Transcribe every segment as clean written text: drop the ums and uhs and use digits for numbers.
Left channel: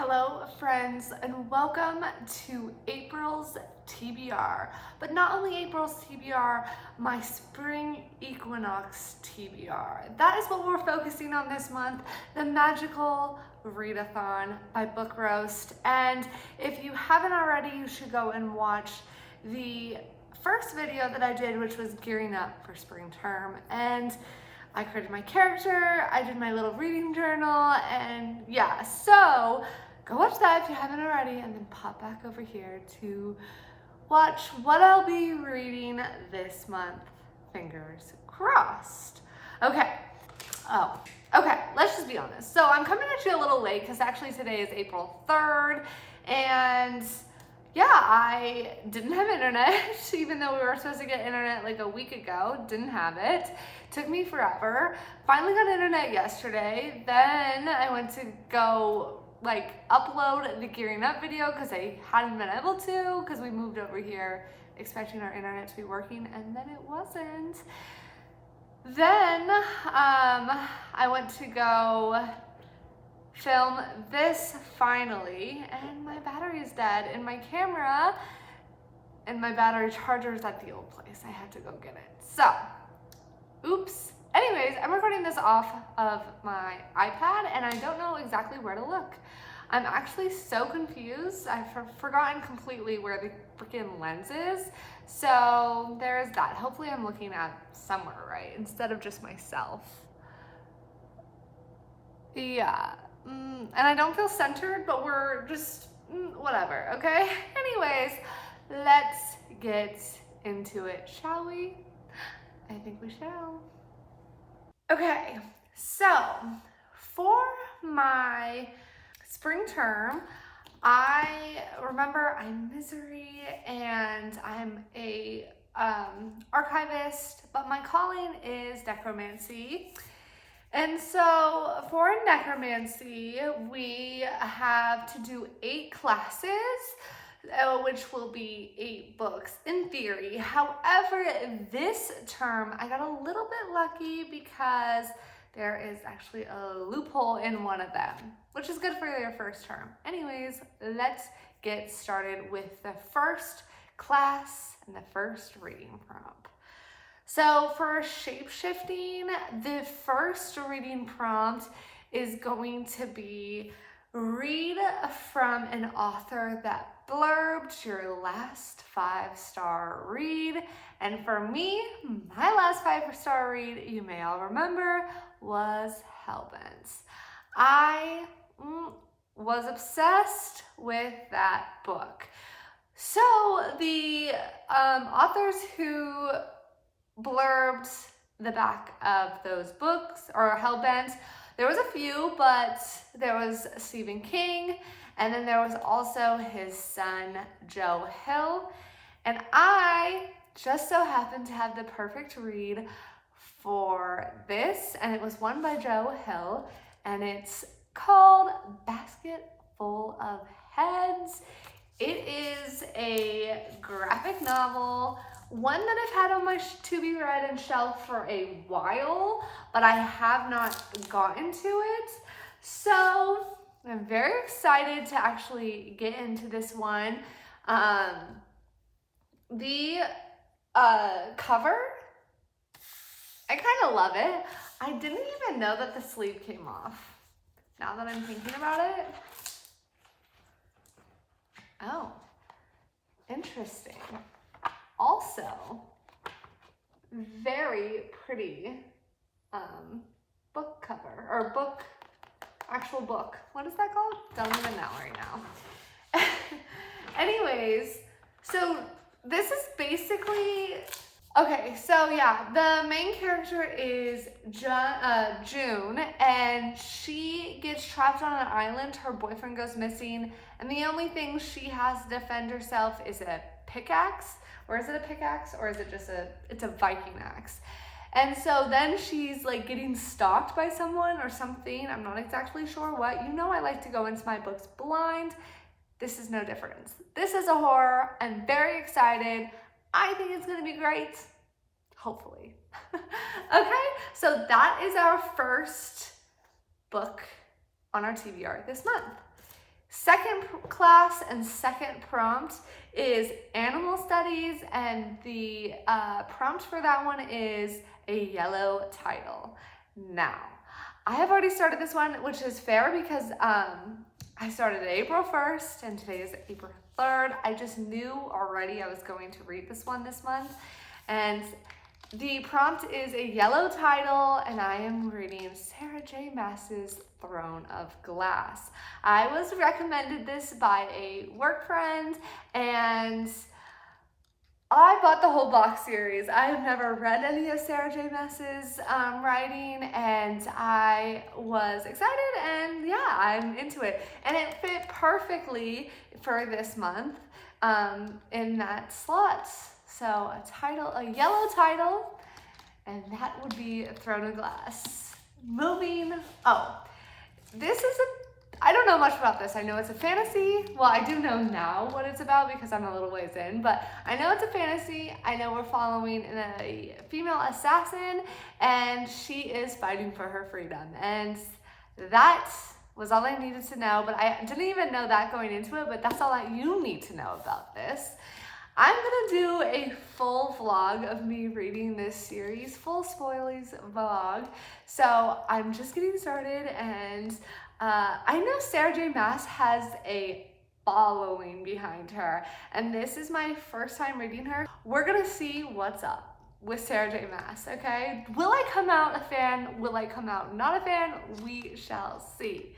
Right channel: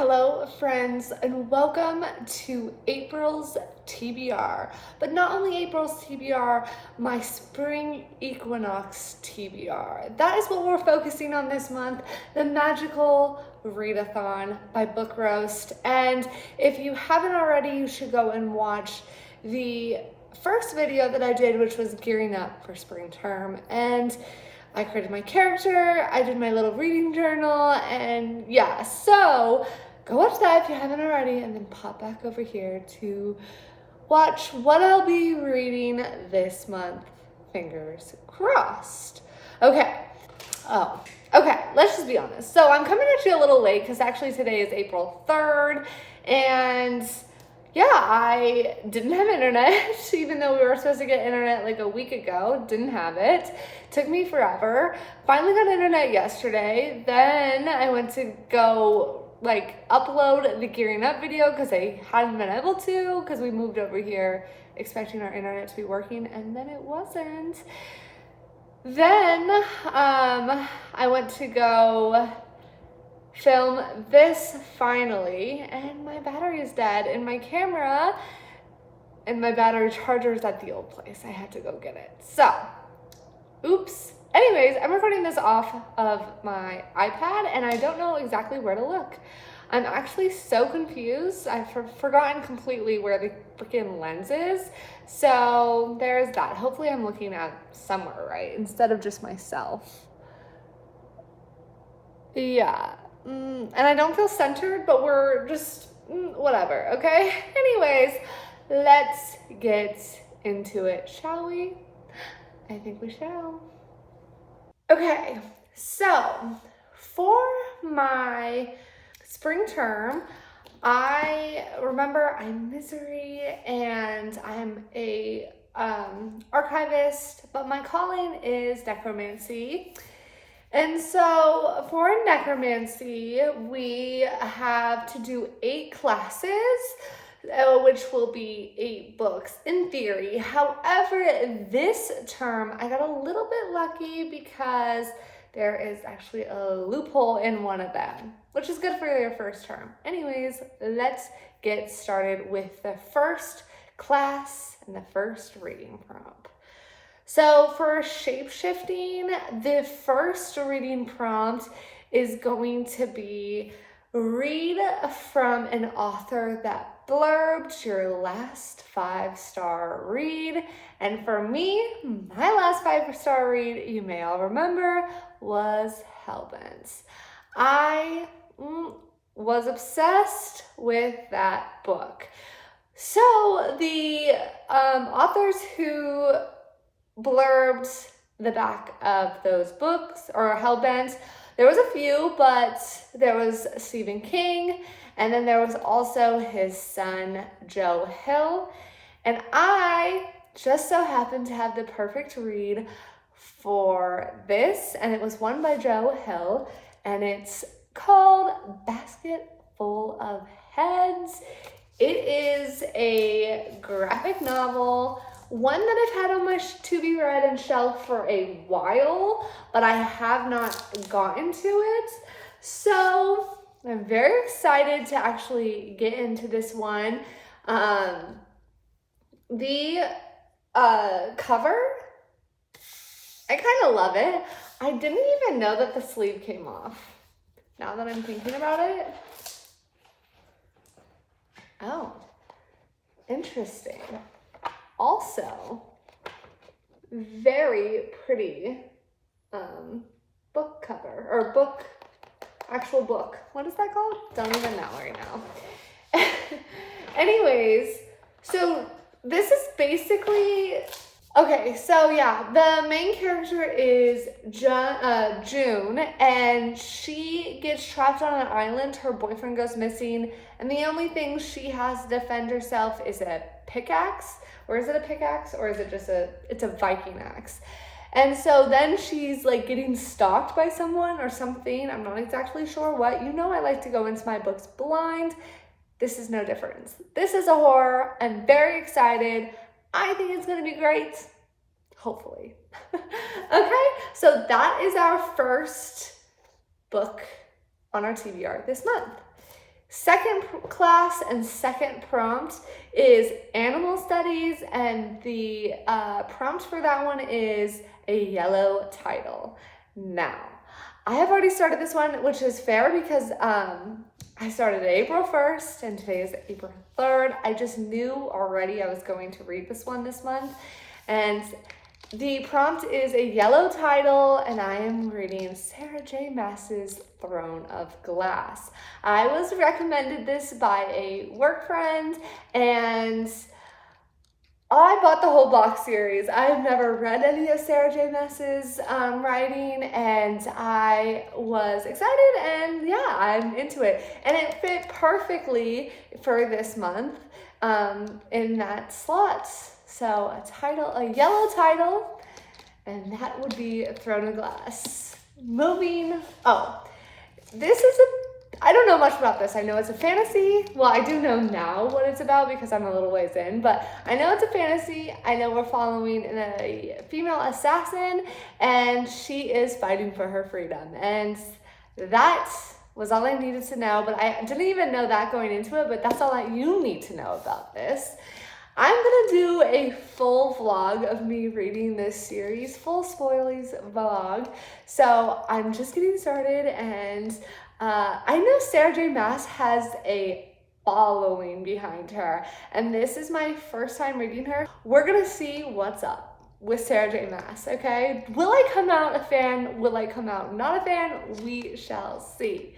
Hello friends, and welcome to April's TBR. But not only April's TBR, my spring Equinox TBR. That is what we're focusing on this month, the magical Readathon by Book Roast. And if you haven't already, you should go and watch the first video that I did, which was gearing up for spring term. And I created my character, I did my little reading journal, and yeah, so go watch that if you haven't already, and then pop back over here to watch what I'll be reading this month. Fingers crossed. Okay, let's just be honest. So I'm coming at you a little late because actually today is April 3rd, and yeah, I didn't have internet, even though we were supposed to get internet like a week ago. Didn't have it. Took me forever. Finally got internet yesterday. Then I went to go like upload the gearing up video because I hadn't been able to because we moved over here expecting our internet to be working, and then it wasn't. Then I went to go film this finally, and my battery is dead in my camera, and my battery charger is at the old place. I had to go get it. So, oops. Anyways, I'm recording this off of my iPad, and I don't know exactly where to look. I'm actually so confused. I've forgotten completely where the freaking lens is. So there's that. Hopefully I'm looking at somewhere right instead of just myself. Yeah. And I don't feel centered, but we're just whatever, okay? Anyways, let's get into it, shall we? I think we shall. Okay, so for my spring term, I remember I'm Misery and I'm a archivist, but my calling is necromancy. And so for necromancy, we have to do 8 classes, which will be 8 books in theory. However, this term, I got a little bit lucky because there is actually a loophole in one of them, which is good for your first term. Anyways, let's get started with the first class and the first reading prompt. So for shape-shifting, the first reading prompt is going to be read from an author that blurbed your last 5-star read. And for me, my last 5-star read, you may all remember, was Hellbent. I was obsessed with that book. So the authors who blurbed the back of those books, or Hellbent, there was a few, but there was Stephen King, and then there was also his son, Joe Hill. And I just so happened to have the perfect read for this, and it was one by Joe Hill, and it's called Basket Full of Heads. It is a graphic novel, one that I've had on my to-be-read and shelf for a while, but I have not gotten to it. So I'm very excited to actually get into this one. The cover, I kind of love it. I didn't even know that the sleeve came off, now that I'm thinking about it. Oh, interesting. Also, very pretty book cover, or book, actual book. What is that called? Don't even know right now. Anyways, so this is basically, okay, so yeah, the main character is June, and she gets trapped on an island. Her boyfriend goes missing, and the only thing she has to defend herself is a pickaxe. Or is it a pickaxe, or is it just it's a Viking axe? And so then she's like getting stalked by someone or something. I'm not exactly sure what. You know I like to go into my books blind. This is no difference. This is a horror. I'm very excited. I think it's gonna be great. Hopefully. Okay, so that is our first book on our TBR this month. Second class and second prompt is animal studies, and the prompt for that one is a yellow title. Now, I have already started this one, which is fair because I started April 1st and today is April 3rd. I just knew already I was going to read this one this month. And the prompt is a yellow title, and I am reading Sarah J. Maas's Throne of Glass. I was recommended this by a work friend, and I bought the whole box series. I have never read any of Sarah J. Maas's writing, and I was excited, and yeah, I'm into it. And it fit perfectly for this month in that slot. So a yellow title, and that would be Throne of Glass. I don't know much about this. I know it's a fantasy. Well, I do know now what it's about because I'm a little ways in, but I know it's a fantasy. I know we're following a female assassin, and she is fighting for her freedom. And that was all I needed to know, but I didn't even know that going into it, but that's all that you need to know about this. I'm gonna do a full vlog of me reading this series, full spoilies vlog. So I'm just getting started, and I know Sarah J. Maas has a following behind her, and this is my first time reading her. We're gonna see what's up with Sarah J. Maas, okay? Will I come out a fan? Will I come out not a fan? We shall see.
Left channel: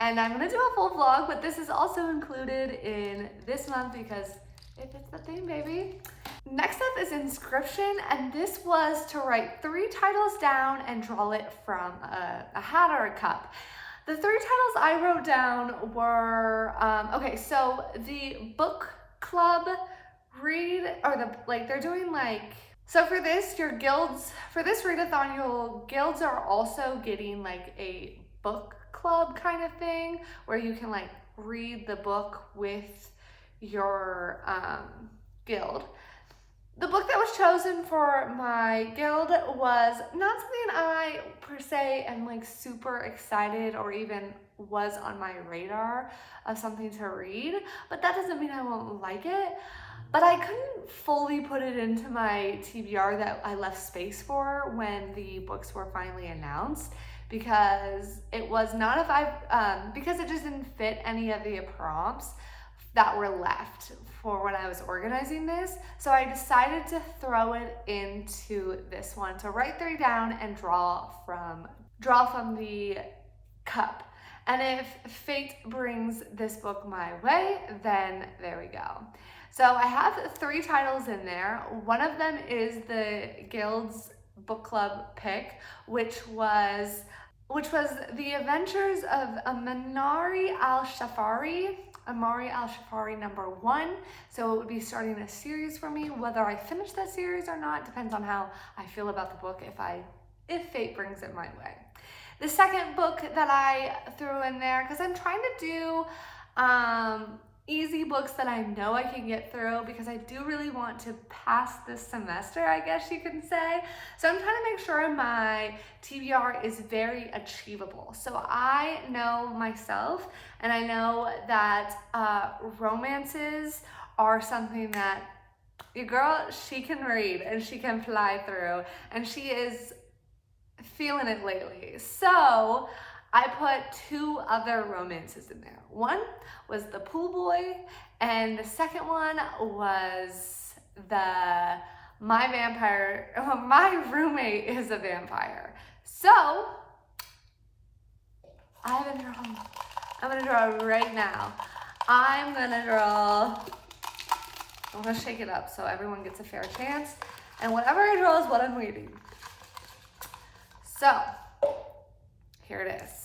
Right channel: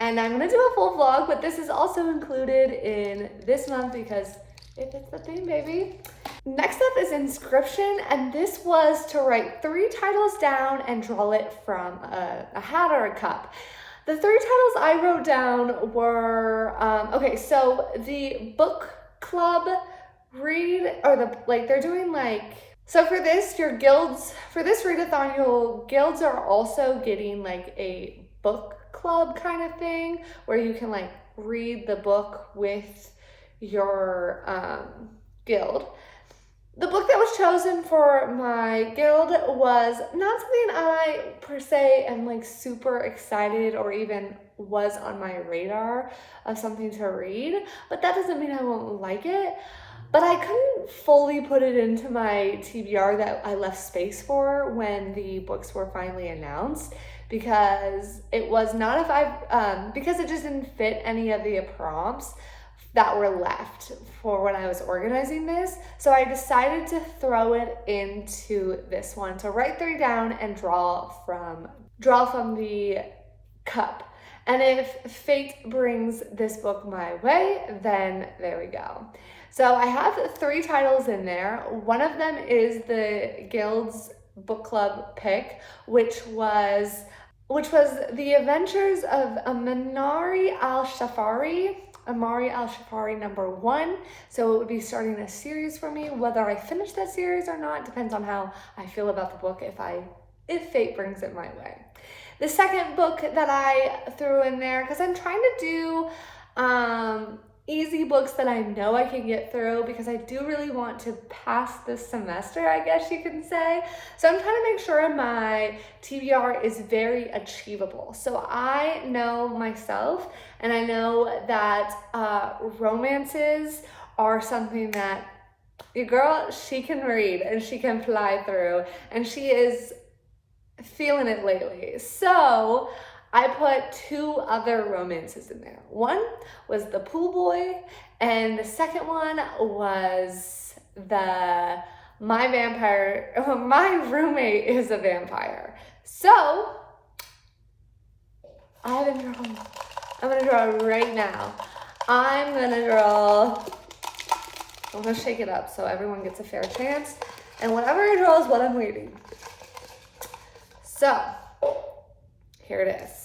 And I'm gonna do a full vlog, but this is also included in this month because if it's the theme, baby. Next up is Inscription, and this was to write 3 titles down and draw it from a hat or a cup. The 3 titles I wrote down were, okay, so the book club they're doing so for this, your guilds, for this readathon, your guilds are also getting like a book club kind of thing where you can like read the book with your guild. The book that was chosen for my guild was not something I per se am like super excited or even was on my radar of something to read, but that doesn't mean I won't like it. But I couldn't fully put it into my TBR that I left space for when the books were finally announced, because it was not because it just didn't fit any of the prompts that were left for when I was organizing this. So I decided to throw it into this one, to write 3 down and draw from the cup. And if fate brings this book my way, then there we go. So I have 3 titles in there. One of them is the Guild's book club pick, which was The Adventures of Amari al-Shafari #1. So it would be starting a series for me. Whether I finish that series or not depends on how I feel about the book if fate brings it my way. The second book that I threw in there, because I'm trying to do easy books that I know I can get through, because I do really want to pass this semester, I guess you can say. So I'm trying to make sure my TBR is very achievable. So I know myself, and I know that romances are something that your girl, she can read and she can fly through, and she is feeling it lately. So I put 2 other romances in there. One was The Pool Boy, and the second one was My Roommate is a Vampire. So I'm gonna draw right now. I'm gonna shake it up so everyone gets a fair chance, and whatever I draw is what I'm reading. So here it is.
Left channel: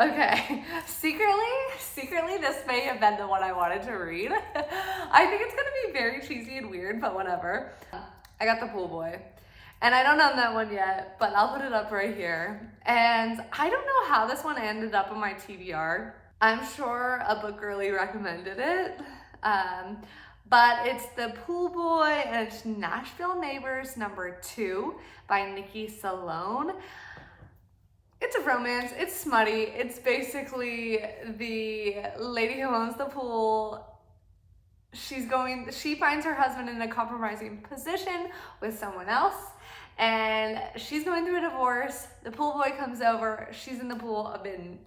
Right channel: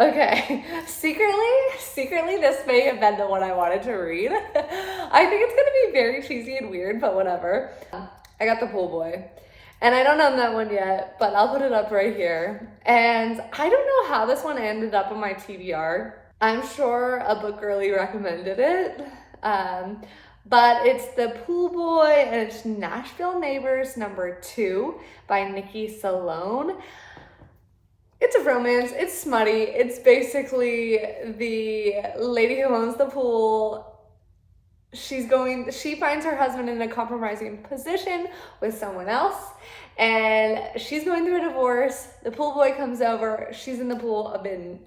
Okay, secretly this may have been the one I wanted to read. I think it's gonna be very cheesy and weird, but whatever. I got The Pool Boy, and I don't own that one yet, but I'll put it up right here. And I don't know how this one ended up in my TBR. I'm sure a book girly recommended it. But it's The Pool Boy, and it's Nashville Neighbors #2 by Nikki Salone. It's a romance, it's smutty. It's basically the lady who owns the pool. She finds her husband in a compromising position with someone else, and she's going through a divorce. The pool boy comes over, she's in the pool, I've been,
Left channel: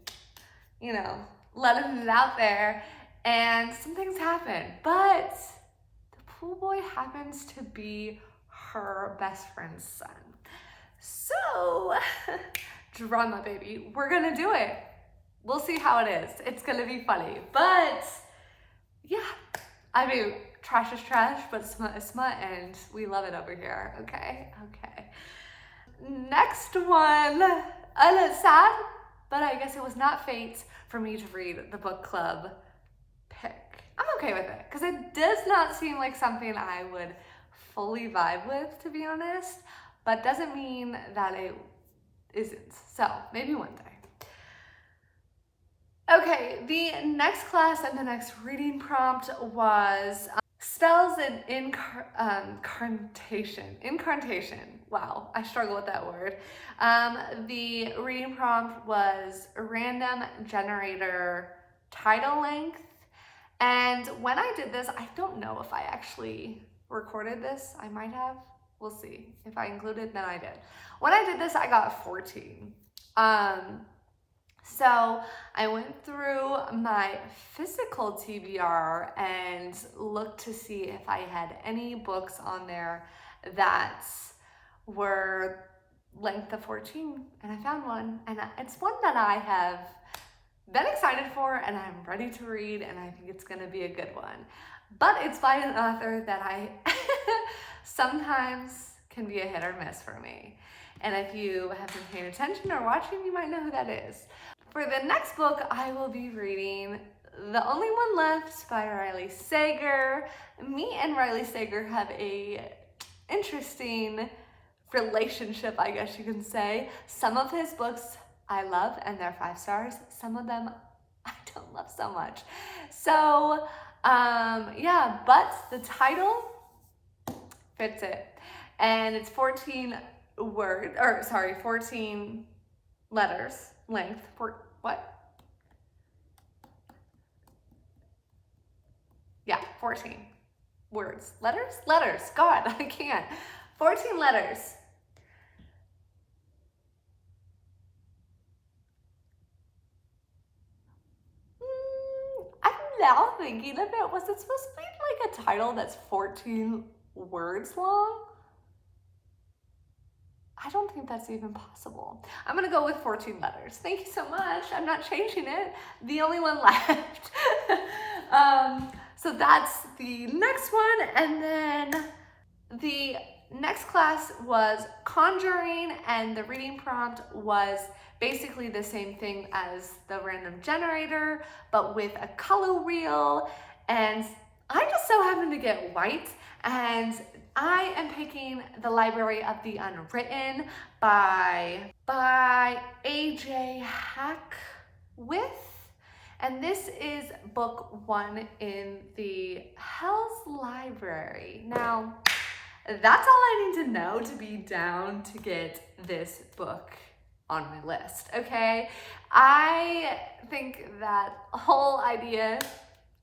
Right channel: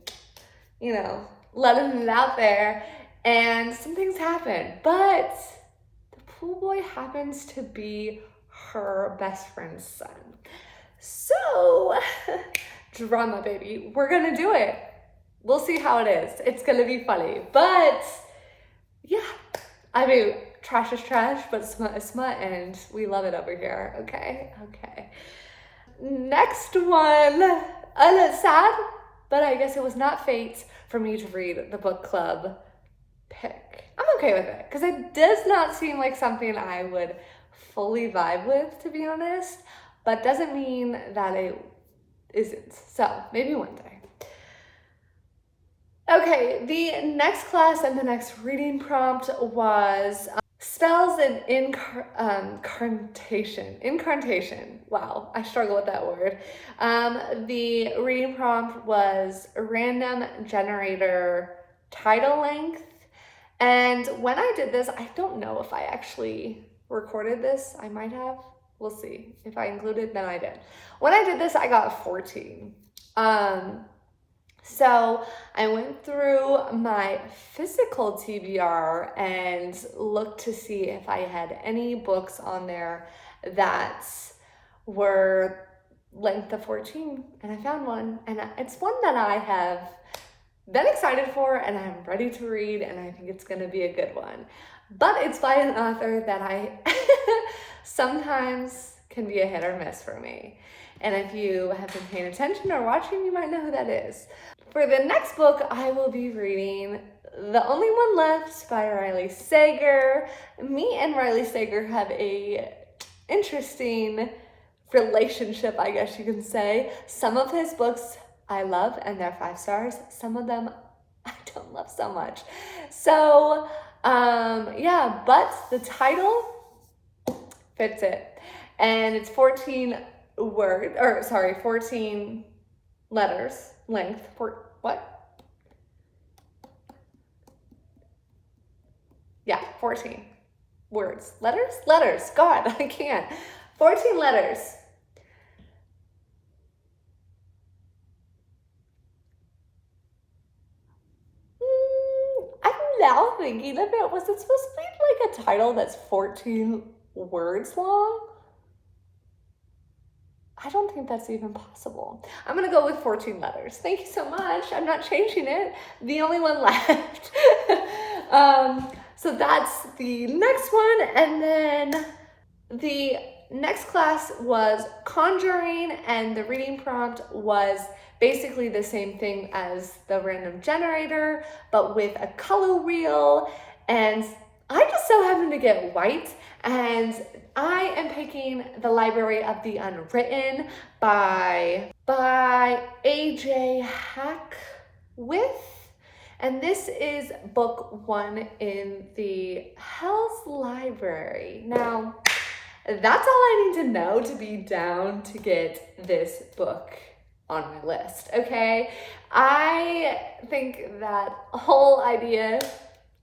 letting it out there, and some things happen. But the pool boy happens to be her best friend's son. So, drama, baby. We're gonna do it. We'll see how it is. It's gonna be funny. But, yeah. I mean, trash is trash, but smut is smut, and we love it over here. Okay? Okay. Next one. It's sad, but I guess it was not fate for me to read the book club pick. I'm okay with it, because it does not seem like something I would fully vibe with, to be honest, but doesn't mean that it isn't. So, maybe one day. Okay, the next class and the next reading prompt was spells and incantation. Incantation. Wow, I struggle with that word. The reading prompt was random generator title length. And when I did this, I don't know if I actually recorded this. I might have. We'll see. If I included, then I did. When I did this, I got 14. So I went through my physical TBR and looked to see if I had any books on there that were length of 14, and I found one, and it's one that I have been excited for and I'm ready to read, and I think it's gonna be a good one. But it's by an author that I sometimes can be a hit or miss for me. And if you have been paying attention or watching, you might know who that is. For the next book, I will be reading The Only One Left by Riley Sager. Me and Riley Sager have a interesting relationship, I guess you can say. Some of his books I love, and they're 5 stars. Some of them I don't love so much. So, yeah, but the title fits it. And it's 14 letters length. What? Yeah, 14 words. Letters. God, I can't. 14 letters. I'm now thinking of it. Was it supposed to be like a title that's 14 words long? I don't think that's even possible. I'm gonna go with 14 letters. Thank you so much. I'm not changing it. The only one left. So that's the next one. And then the next class was Conjuring, and the reading prompt was basically the same thing as the random generator, but with a color wheel. And I just so happen to get white, and I am picking The Library of the Unwritten by AJ Hackwith. And this is book 1 in the Hell's Library. Now, that's all I need to know to be down to get this book on my list, okay? I think that whole idea,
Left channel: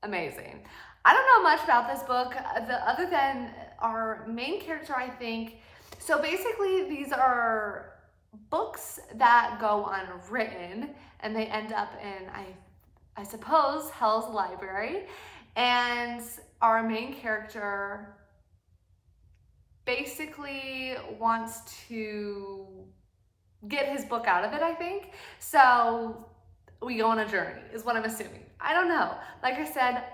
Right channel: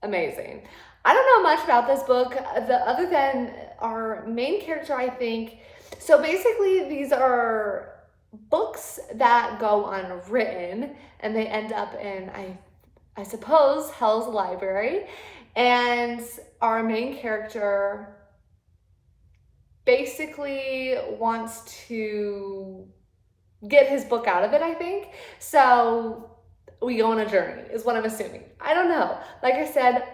amazing. I don't know much about this book other than our main character, I think. So basically, these are books that go unwritten, and they end up in, I suppose, Hell's Library. And our main character basically wants to get his book out of it, I think. So we go on a journey, is what I'm assuming. I don't know. Like I said,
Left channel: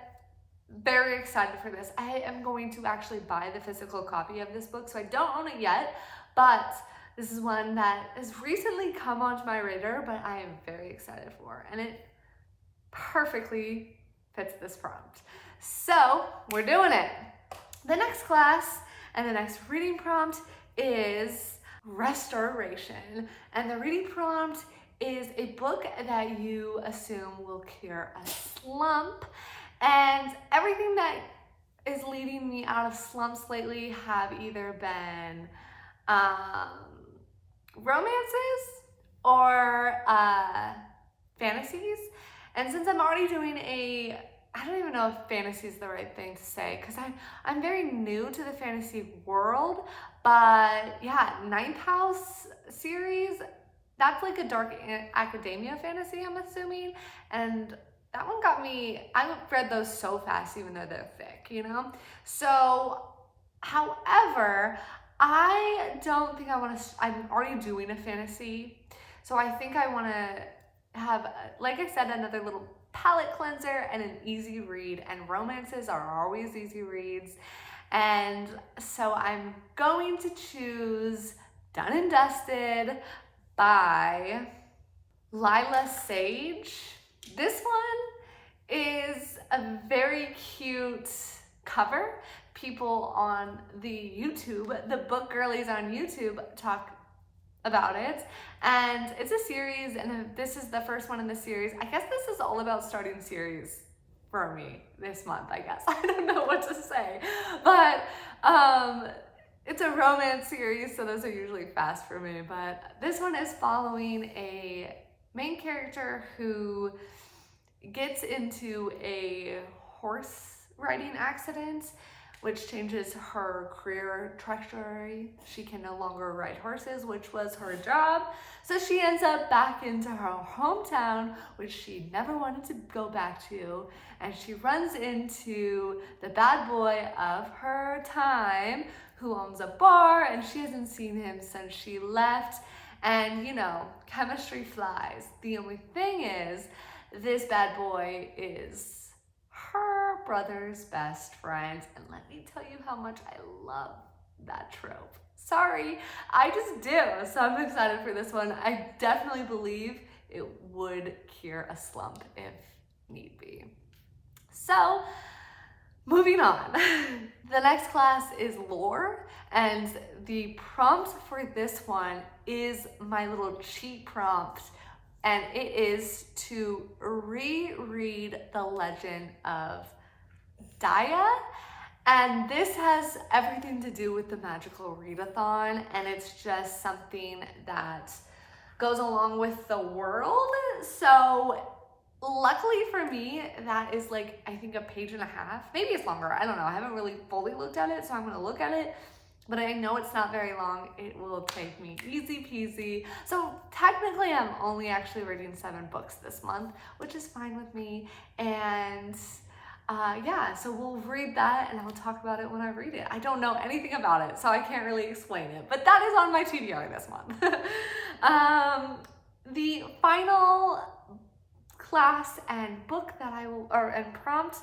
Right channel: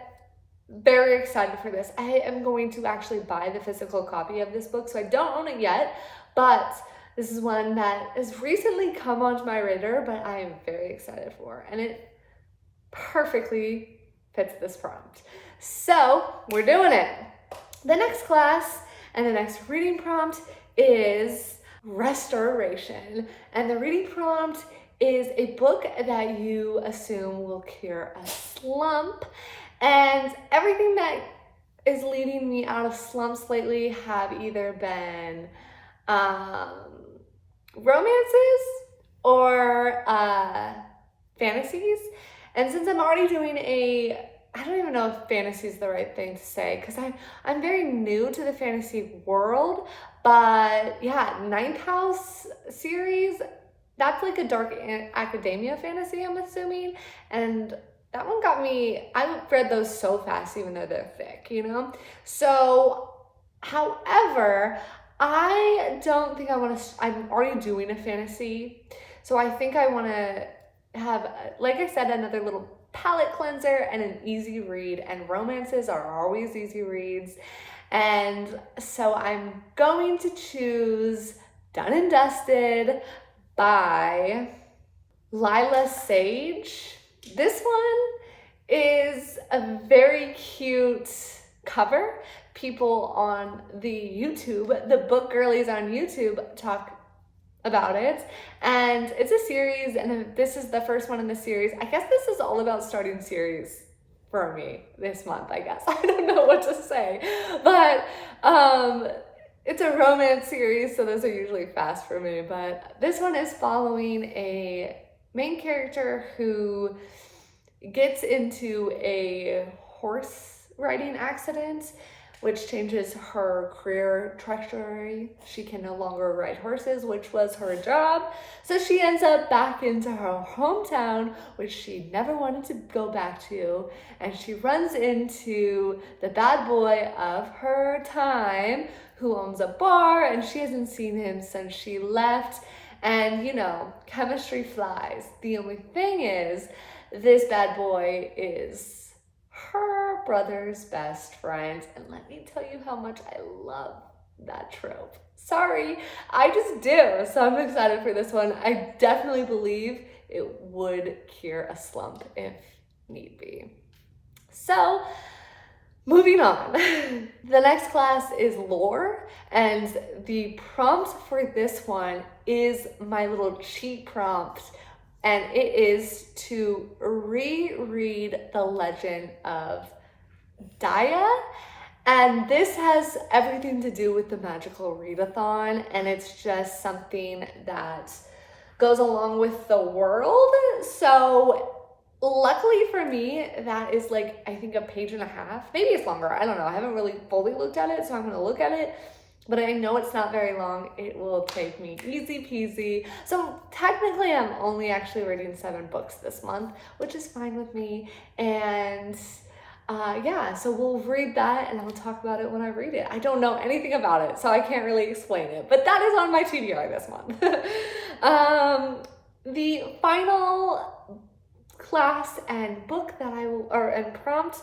very excited for this. I am going to actually buy the physical copy of this book, so I don't own it yet, but this is one that has recently come onto my radar, but I am very excited for, and it perfectly fits this prompt. So we're doing it. The next class and the next reading prompt is Restoration, and the reading prompt is a book that you assume will cure a slump. And everything that is leading me out of slumps lately have either been romances or fantasies. And since I'm already doing I don't even know if fantasy is the right thing to say, because I'm very new to the fantasy world, but yeah, Ninth House series, that's like a dark academia fantasy, I'm assuming, and that one got me, I read those so fast even though they're thick, you know? So, however, I don't think I want to, I'm already doing a fantasy, so I think I want to have, like I said, another little palette cleanser and an easy read, and romances are always easy reads. And so I'm going to choose Done and Dusted by Lila Sage. This one is a very cute cover. People on the YouTube, the book girlies on YouTube, talk about it, and it's a series, and this is the first one in the series. I guess this is all about starting series for me this month, I guess. I don't know what to say, but it's a romance series, so those are usually fast for me, but this one is following a main character who gets into a horse riding accident, which changes her career trajectory. She can no longer ride horses, which was her job. So she ends up back into her hometown, which she never wanted to go back to. And she runs into the bad boy of her time, who owns a bar, and she hasn't seen him since she left. And you know, chemistry flies. The only thing is, this bad boy is her brother's best friend, and let me tell you how much I love that trope. Sorry, I just do. So I'm excited for this one. I definitely believe it would cure a slump if need be. So moving on. The next class is lore, and the prompt for this one is my little cheat prompt, and it is to reread The Legend of Daya. And this has everything to do with the magical readathon, and it's just something that goes along with the world. So luckily for me, that is like, I think, a page and a half. Maybe it's longer, I don't know. I haven't really fully looked at it, so I'm gonna look at it. But I know it's not very long. It will take me easy peasy. So technically I'm only actually reading 7 books this month, which is fine with me. And yeah, so we'll read that and I'll talk about it when I read it. I don't know anything about it, so I can't really explain it, but that is on my TBR this month. The final class and book that I will, and prompt,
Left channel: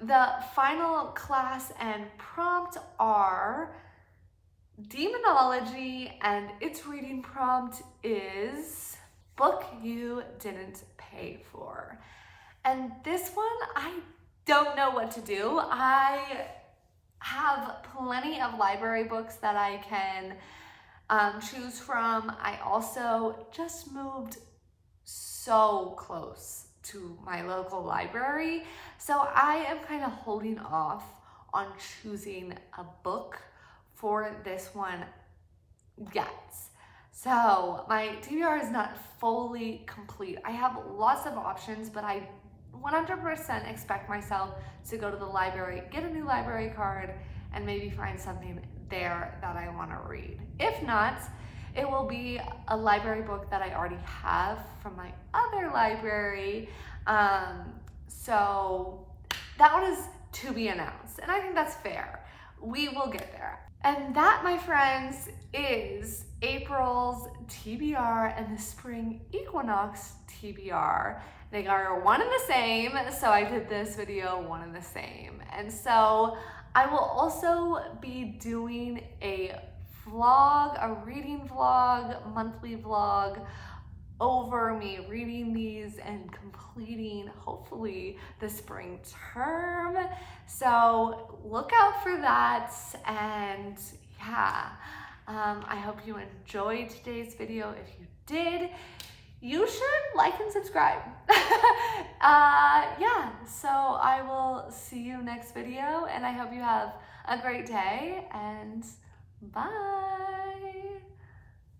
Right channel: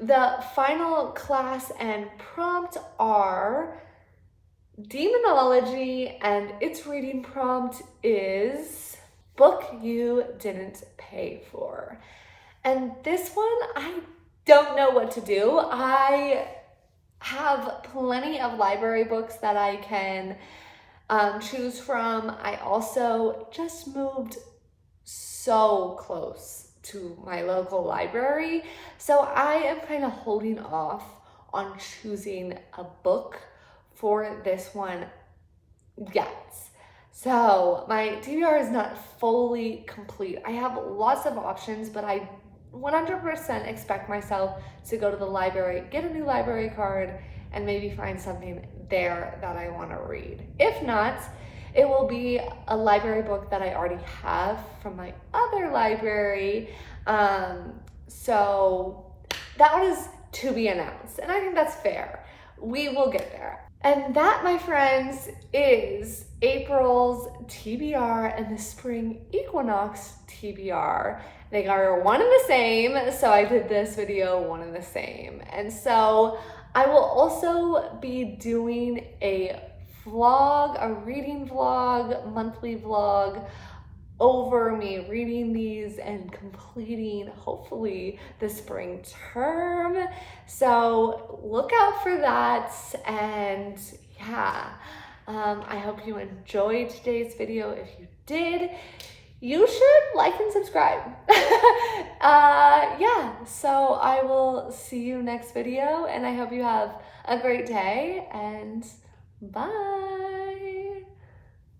the final class and prompt are Demonology, and its reading prompt is Book You Didn't Pay For. And this one, I don't know what to do. I have plenty of library books that I can choose from. I also just moved so close to my local library, so I am kind of holding off on choosing a book for this one yet. So my TBR is not fully complete. I have lots of options, but I 100% expect myself to go to the library, get a new library card, and maybe find something there that I want to read. If not, it will be a library book that I already have from my other library. So that one is to be announced, and I think that's fair. We will get there. And that, my friends, is April's TBR and the spring Equinox TBR. They are one and the same, so I did this video one and the same. And so I will also be doing a vlog, a reading vlog, monthly vlog over me reading these and completing, hopefully, the spring term. So look out for that, and yeah, I hope you enjoyed today's video. If you did, you should like and subscribe. Yeah, so I will see you next video, and I hope you have a great day, and bye.